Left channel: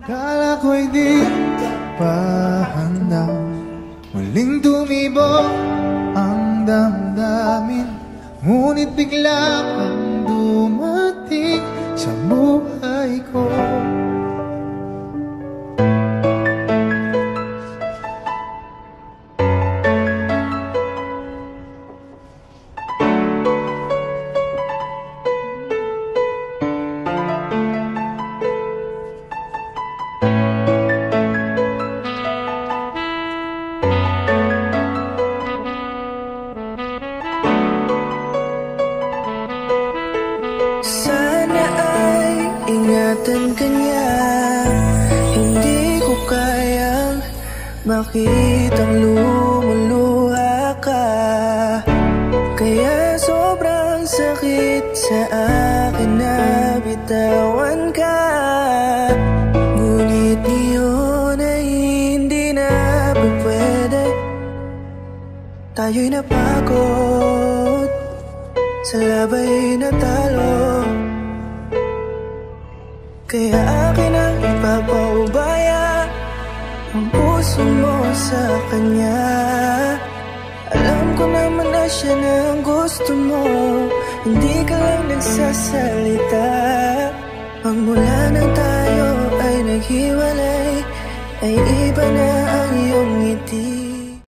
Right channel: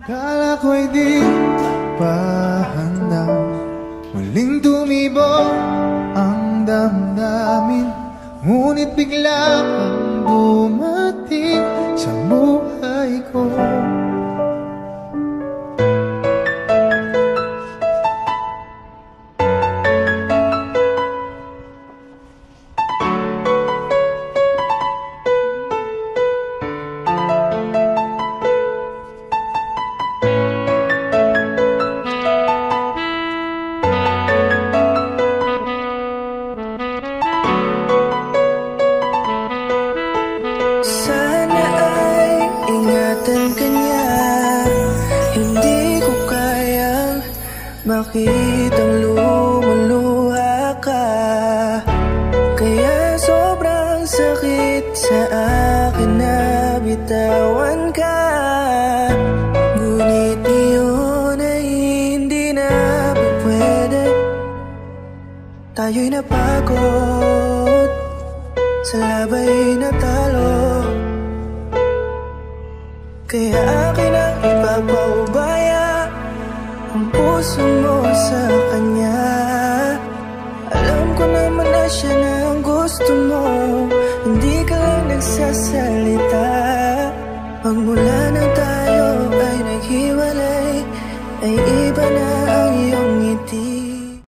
Kala ko'y di pa handa, muling tumibok ang damdamin. Ngunit bigla kang dumating sa buhay ko. Sana ay ingatan ka niya. Hindi ko kayang makitang lumuluha ka. Kaya sobrang sakit sa akin na bitawan ka. Ngunit ngayon ay hindi na pwede. Tayo'y napagod, sa labay natalo. Kaya akin ang ipapaubaya ang puso mo sa kanya. Alam ko naman na siya na ang gusto mo, hindi ka lang nagsasalita. Magmula nang tayo ay naghiwalay, ay iba na ang iyong ngiti.